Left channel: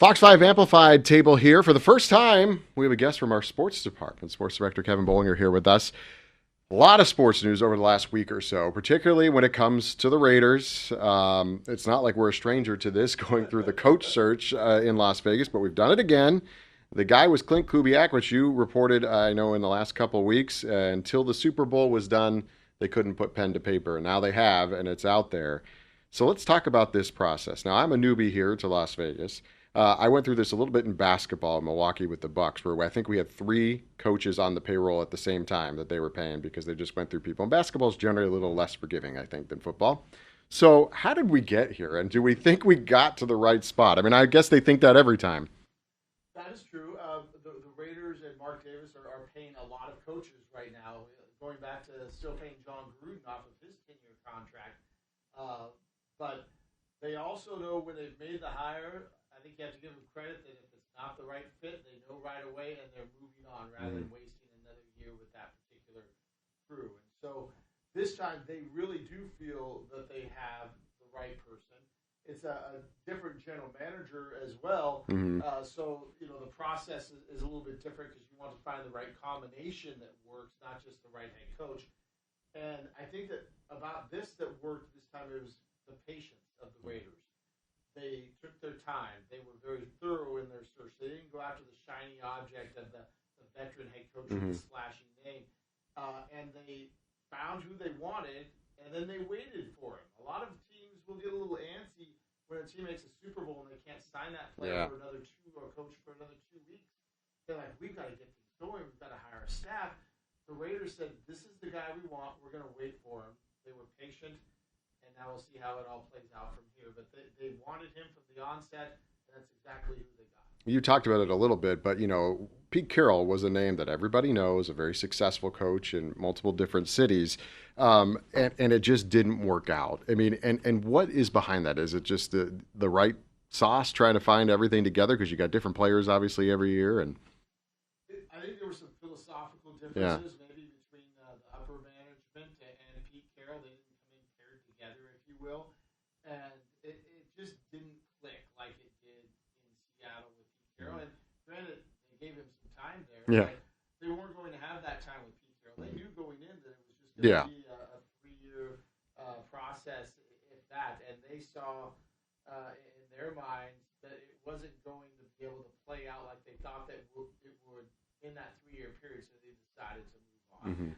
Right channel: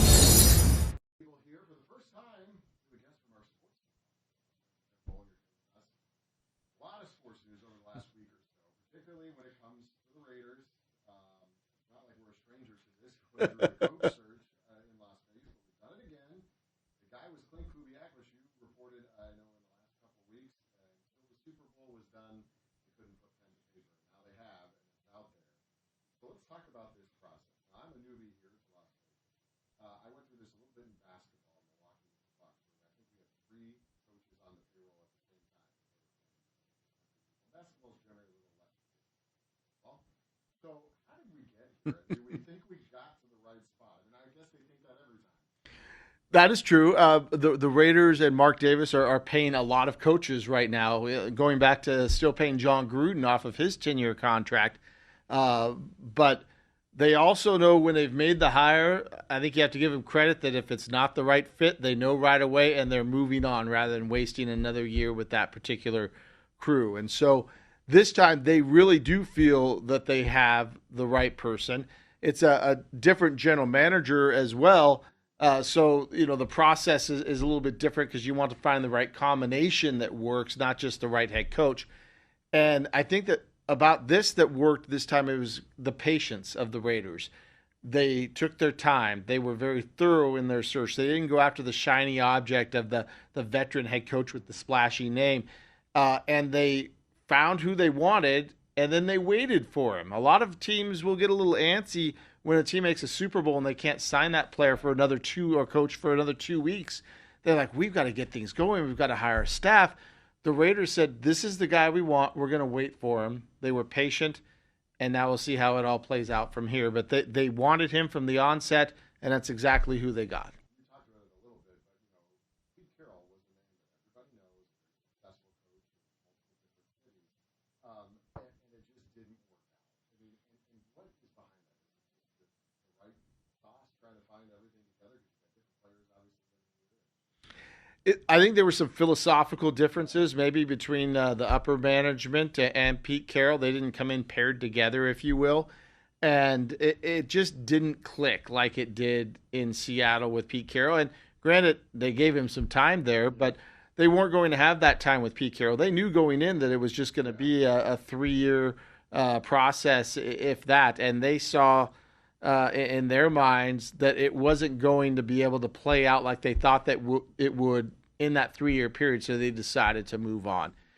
Fox 5 Amplified table here. For the first time, we have a guest from our sports department. Sports Director Kevin Bollinger here with us. A lot of sports news over the last week or so, particularly when it comes to the Raiders. It's not like we're a stranger to this going through the coach search in Las Vegas, but we've done it again. The guy was Klint Kubiak, which you reported, I know, in the last couple of weeks. Until the Super Bowl was done, they couldn't put pen to paper. And now they have, and it's out there. So let's talk about this process. Now, I'm a newbie here to Las Vegas. I went through this a little bit in basketball in Milwaukee with the Bucks, where I think we had 3 coaches on the payroll at the same time that they were paying because they just went through people. And basketball is generally a little less forgiving, I think, than football. So how did we get here? And do we think we got to the right spot? I mean, I guess they think that every time. That is true. The Raiders and Mark Davis are paying a lot of coaches right now, going back to still paying John Gruden off of his 10-year contract. But they also know when they've made the hire, I think you have to give them credit that if it's not the right fit, they know right away and they're moving on rather than wasting another year with that particular crew. And so this time they really do feel that they have the right person. It's a different general manager as well. So, the process is a little bit different because you want to find the right combination that works, not just the right head coach. And I think that about this that worked this time, it was the patience of the Raiders. They took their time. They were very thorough in their search. They didn't go after the shiny object of the veteran head coach with the splashy name. And they found who they wanted, and then they waited for him. A lot of teams will get a little antsy when a team makes a Super Bowl and they can't sign that player for another 2 or coach for another 2 weeks. They're like, we've got to get things going. We've got to hire a staff. The Raiders said, this is the guy we want. We're going to wait for him. They were patient, and now we'll see how it all plays out from here. But they wanted him from the onset, and that's exactly who they got. You talked about it a little bit, but, Pete Carroll was a name that everybody knows, a very successful coach in multiple different cities, and it just didn't work out. I mean, and what is behind that? Is it just the right sauce, trying to find everything together? Because you got different players, obviously, every year, and I think there were some philosophical differences maybe between the upper management and Pete Carroll. They didn't come in paired together, if you will. And it just didn't click like it did in Seattle with Pete Carroll. And granted, they gave him some time there, but they weren't going to have that time with Pete Carroll. They knew going in that it was just going to be a 3-year process, if that. And they saw in their minds that it wasn't going to be able to play out like they thought that it would in that 3-year period, so they decided to move on.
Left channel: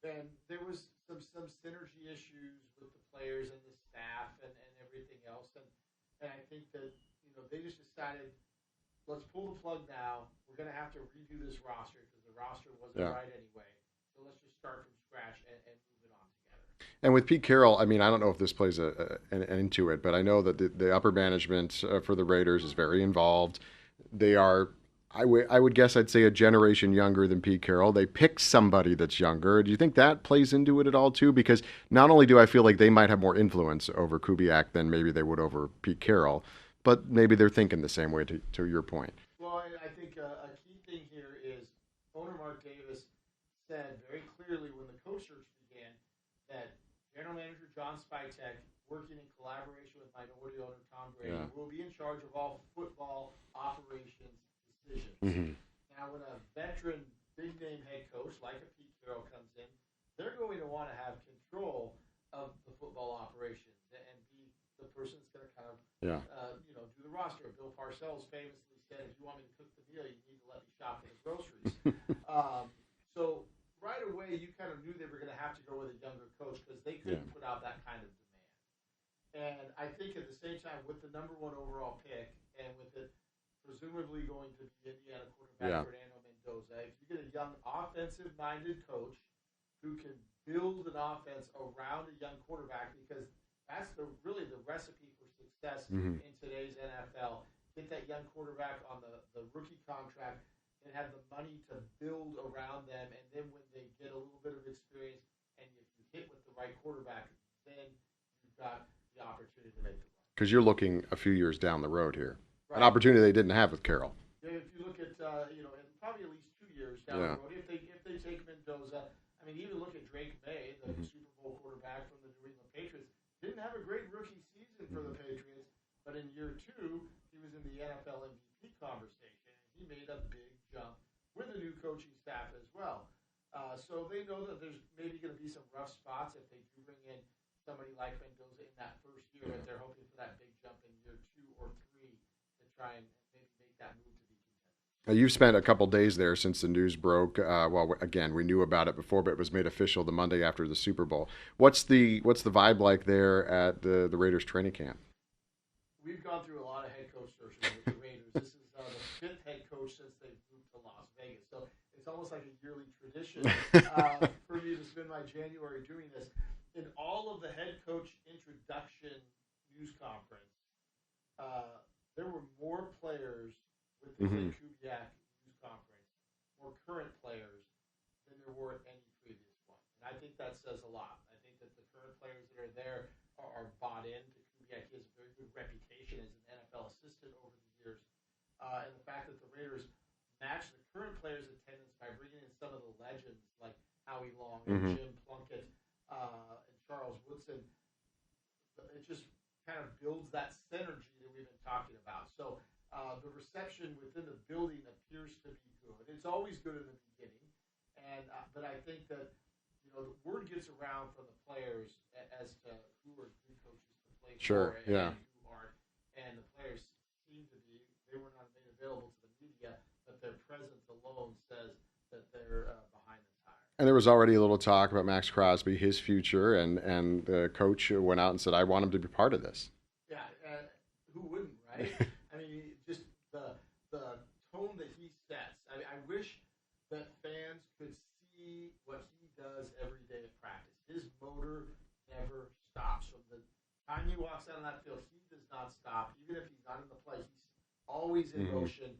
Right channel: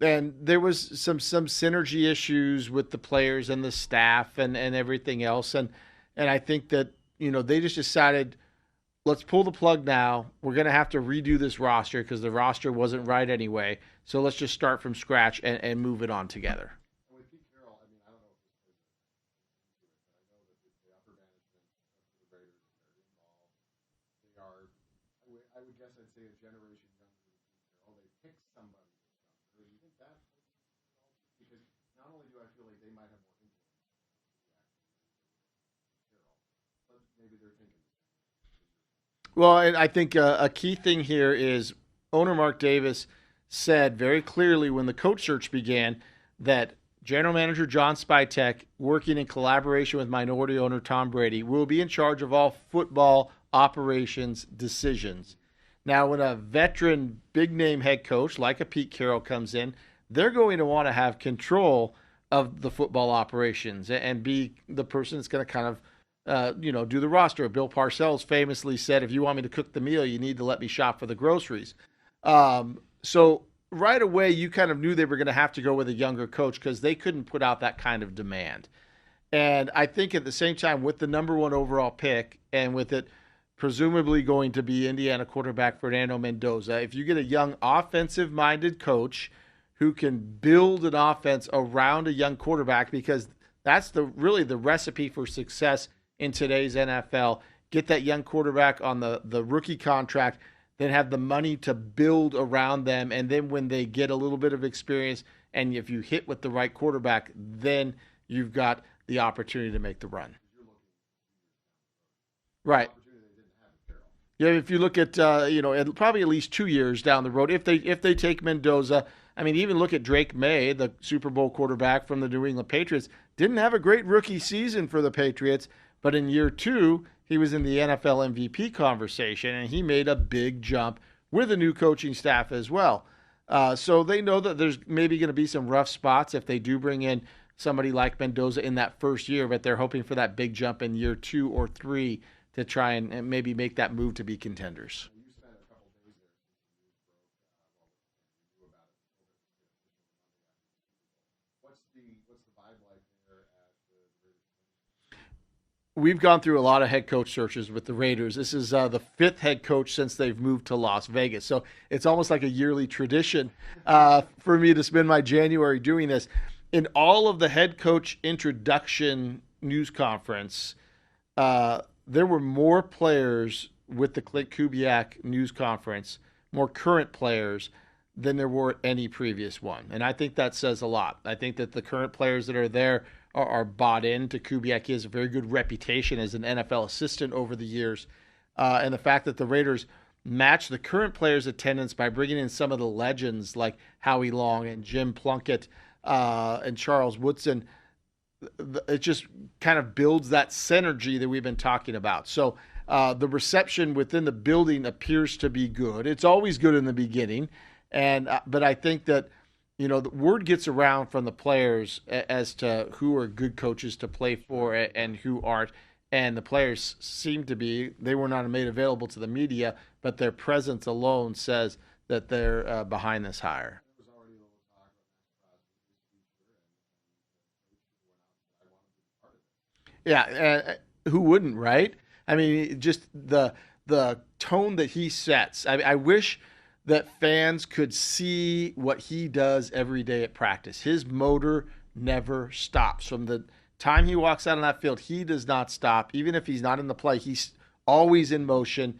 And there was some synergy issues with the players and the staff and everything else, and I think that they just decided, let's pull the plug now. We're going to have to redo this roster because the roster wasn't right anyway. So let's just start from scratch and move it on together. And with Pete Carroll, I mean, I don't know if this plays into it, but I know that the upper management for the Raiders is very involved. They are, I would guess, I'd say a generation younger than Pete Carroll. They picked somebody that's younger. Do you think that plays into it at all, too? Because not only do I feel like they might have more influence over Kubiak than maybe they would over Pete Carroll, but maybe they're thinking the same way, to your point. Well, and I think a key thing here is owner Mark Davis said very clearly when the coach search began that General Manager John Spytek, working in collaboration with minority owner Tom Brady, will be in charge of all football operations decisions. Now, when a veteran, big-name head coach like a Pete Carroll comes in, they're going to want to have control of the football operations and be the person that's going to kind of, do the roster. Bill Parcells famously said, if you want me to cook the meal, you need to let me shop for the groceries. So right away, you kind of knew they were going to have to go with a younger coach because they couldn't put out that kind of demand. And I think at the same time, with the number 1 overall pick and with it presumably going to be Indiana quarterback Fernando Mendoza, if you get a young offensive-minded coach who can build an offense around a young quarterback, because that's really the recipe for success in today's NFL. Get that young quarterback on the rookie contract, then have the money to build around them. And then when they get a little bit of experience, and if you hit with the right quarterback, then you've got the opportunity to make the run. Because you're looking a few years down the road here. Right. An opportunity they didn't have with Carroll. Yeah, if you look at, probably at least 2 years down the road, if they take Mendoza. I mean, even look at Drake May, the Super Bowl quarterback from the New England Patriots, didn't have a great rookie season for the Patriots, but in year 2, he was in the NFL MVP conversation, and he made a big jump with a new coaching staff as well. So they know that there's maybe going to be some rough spots if they do bring in somebody like Mendoza in that first year, but they're hoping for that big jump in year 2 or 3 to try and maybe make that move to be contenders. Now, you've spent a couple days there since the news broke. Well, again, we knew about it before, but it was made official the Monday after the Super Bowl. What's the vibe like there at the Raiders training camp? We've gone through a lot of head coach searches with the Raiders. This is the 5th head coach since they've moved to Las Vegas. So it's almost like a yearly tradition for me to spend my January doing this. In all of the head coach introduction news conference, there were more players with the Klint Kubiak news conference, more current players, than there were any previous one. And I think that says a lot. I think that the current players that are there are bought into Kubiak. He has a very good reputation as an NFL assistant over the years. And the fact that the Raiders match the current players' attendance by bringing in some of the legends like Howie Long and Jim Plunkett and Charles Woodson, it just kind of builds that synergy that we've been talking about. So the reception within the building appears to be good. It's always good in the beginning. But I think that, the word gets around from the players as to who are good coaches to play for and who aren't. And the players seem to be, they were not made available to the media, but their presence alone says that they're behind this hire. And there was already a little talk about Max Crosby, his future, and the coach went out and said, I want him to be part of this. Yeah, who wouldn't, right? I mean, just the tone that he sets. I wish that fans could see what he does every day at practice. His motor never stops. From the time he walks out on that field, he does not stop. Even if he's not in the play, he's always in motion,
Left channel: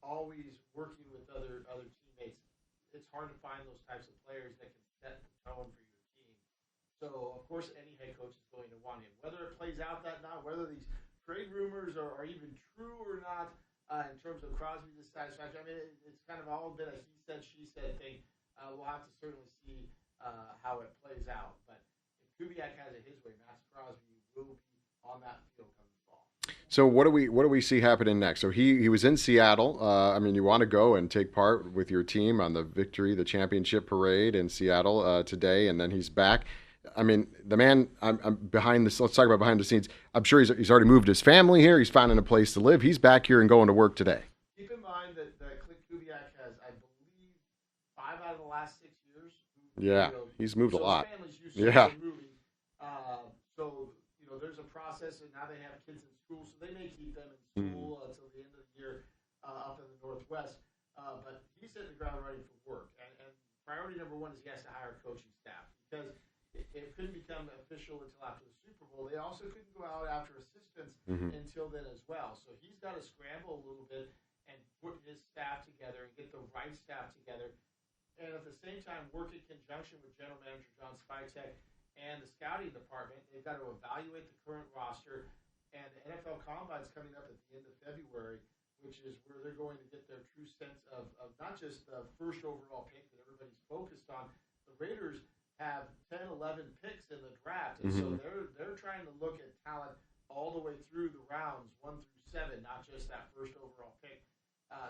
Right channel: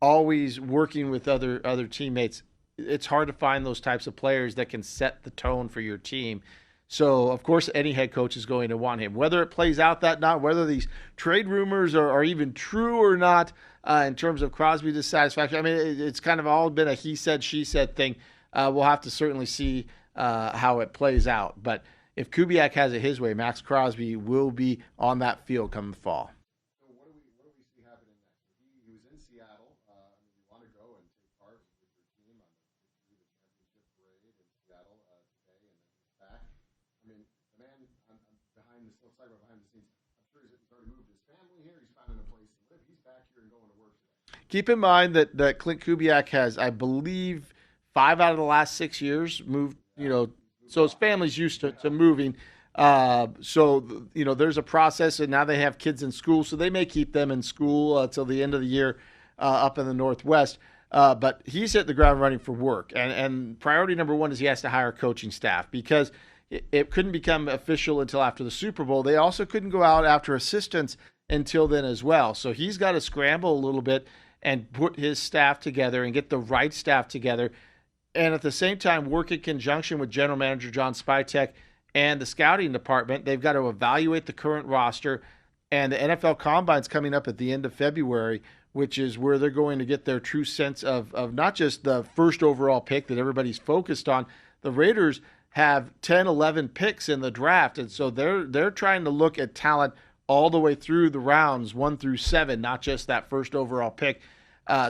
always working with other teammates. It's hard to find those types of players that can set the tone for your team. So, of course, any head coach is going to want him. Whether it plays out that night, whether these trade rumors are even true or not, in terms of Crosby's dissatisfaction, I mean, it's kind of all been a he said, she said thing. We'll have to certainly see how it plays out. But if Kubiak has it his way, Max Crosby will be on that field come fall. So what do we see happening next? So he was in Seattle. I mean, you want to go and take part with your team on the championship parade in Seattle today, and then he's back. I mean, the man, I'm behind this. Let's talk about behind the scenes. I'm sure he's already moved his family here. He's finding a place to live. He's back here and going to work today. Keep in mind that Klint Kubiak has, I believe, 5 out of the last 6 years moved. Yeah, he's moved a lot. So his family's used to moving. So there's a process, and now they have kids in school, so they may keep them in school till the end of the year up in the Northwest. But he's hit the ground running for work. And priority number one is he has to hire coaching staff because it couldn't become official until after the Super Bowl. They also couldn't go out after assistants until then as well. So he's got to scramble a little bit and put his staff together and get the right staff together. And at the same time, work in conjunction with General Manager John Spytek and the scouting department. They've got to evaluate the current roster. And the NFL Combine's coming up at the end of February, which is where they're going to get their true sense of not just the first overall pick that everybody's focused on. The Raiders have 10, 11 picks in the draft. And so they're trying to look at talent all the way through the rounds 1 through 7, not just that first overall pick.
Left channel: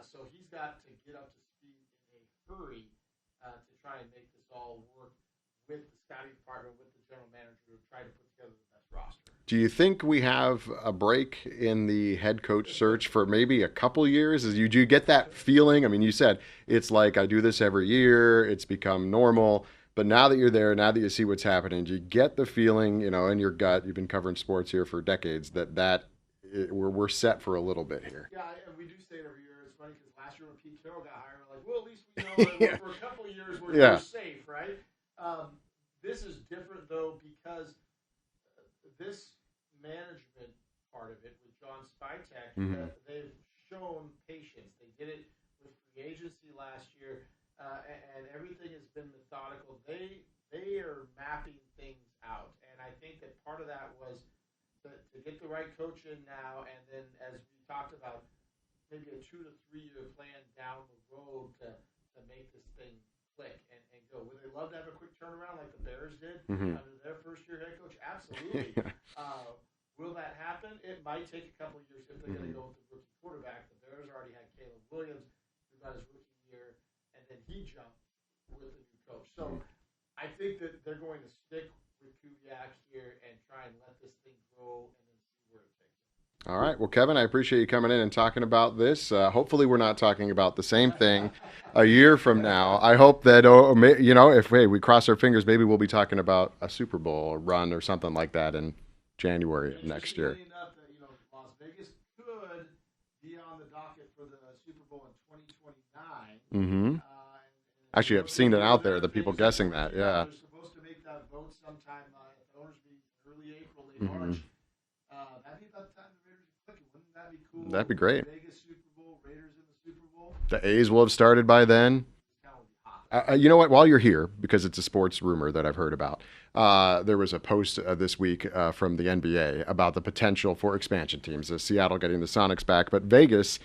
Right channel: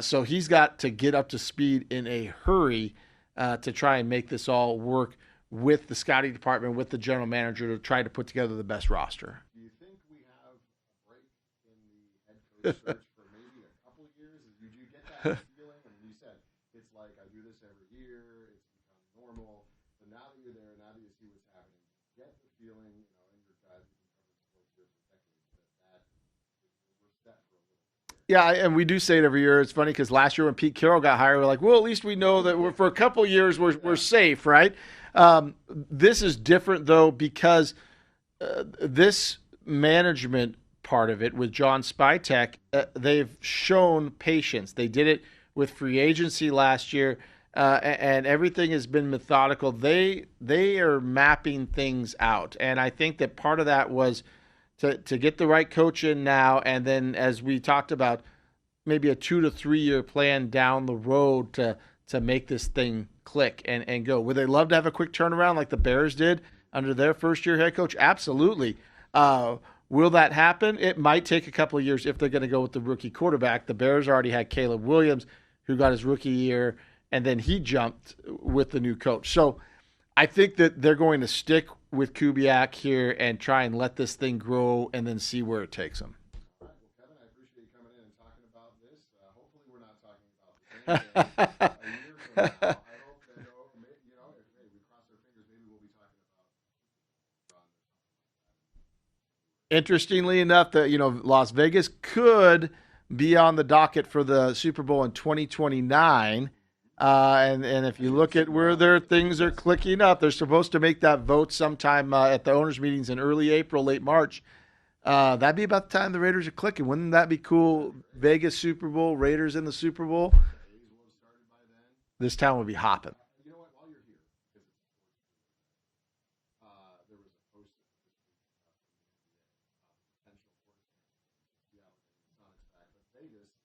So he's got to get up to speed in a hurry to try and make this all work with the scouting department, with the general manager to try to put together the best roster. Do you think we have a break in the head coach search for maybe a couple years? Do you get that feeling? I mean, you said it's like I do this every year. It's become normal. But now that you're there, now that you see what's happening, do you get the feeling, in your gut, you've been covering sports here for decades, that we're set for a little bit here? Yeah, and we do say it every year. It's funny because last year when Pete Carroll got hired, we're like, well, at least we know that for a couple of years we're safe, right? This is different, though, because this management part of it with John Spytek, they've shown patience. They did it with free agency last year. And everything has been methodical. They are mapping things out. And I think that part of that was to get the right coach in now. And then as we talked about, maybe a 2 to 3 year plan down the road to make this thing click and go. Would they love to have a quick turnaround like the Bears did under their first year head coach? Absolutely. Will that happen? It might take a couple of years if they're going to go with the rookie quarterback. The Bears already had Caleb Williams, who got his rookie year, and then he jumped with the new coach. So I think that they're going to stick with Kubiak here and try and let this thing grow and then see where it takes them. All right. Well, Kevin, I appreciate you coming in and talking about this. Hopefully we're not talking about the same thing a year from now. I hope that, if we cross our fingers, maybe we'll be talking about a Super Bowl run or something like that in January. Interestingly enough, that Las Vegas could be on the docket for the Super Bowl in 2029. Mm-hmm. And if you look at where their things are clicking up, they're supposed to make that vote sometime at the owners' meetings in early April, late March. That'd be about the time the Raiders are clicking. Wouldn't that be cool? That'd be great. Vegas Super Bowl, Raiders in the Super Bowl. The A's will have started by then. This town would be hopping. You know what? While you're here, because it's a sports rumor that I've heard about, there was a post this week from the NBA about the potential for expansion teams. Seattle getting the Sonics back, but Vegas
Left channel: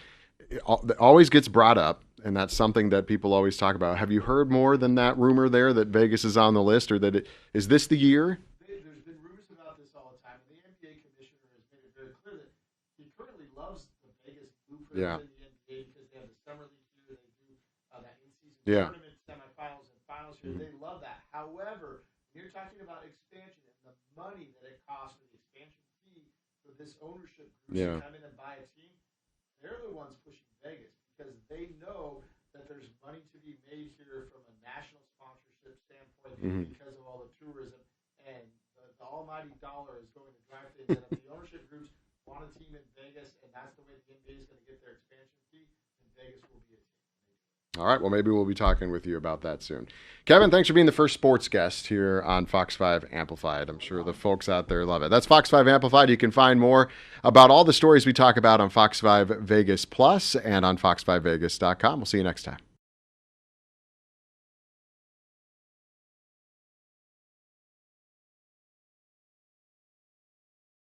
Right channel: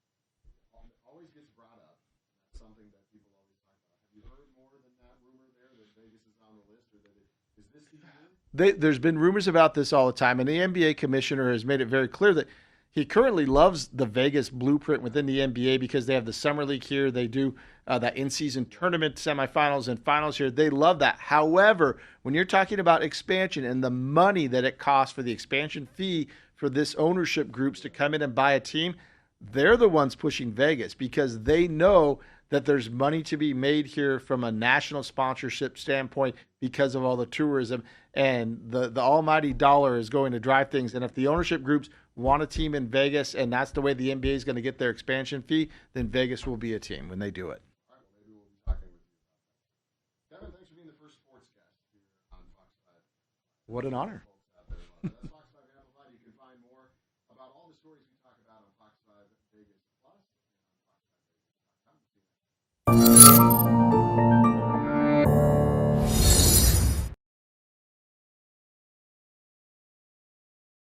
always gets brought up. And that's something that people always talk about. Have you heard more than that rumor there that Vegas is on the list, or that is this the year? There's been rumors about this all the time, and the NBA commissioner has made it very clear that he currently loves the Vegas blueprint within the NBA because they have the summer league here. They do that in-season tournament, semifinals, and finals here. They love that. However, when you're talking about expansion and the money that it costs for the expansion fee for this ownership groups to come in and buy a team, they're the ones pushing Vegas because they know that there's money to be made here from a national sponsorship standpoint because of all the tourism, and the almighty dollar is going to drive things. And if the ownership groups want a team in Vegas and that's the way the NBA is going to get their expansion fee, then Vegas will be a team when they do it. All right. Well, maybe we'll be talking with you about that soon. Kevin, thanks for being the first sports guest here on Fox 5 Amplified. I'm sure the folks out there love it. That's Fox 5 Amplified. You can find more about all the stories we talk about on Fox 5 Vegas Plus and on fox5vegas.com. We'll see you next time.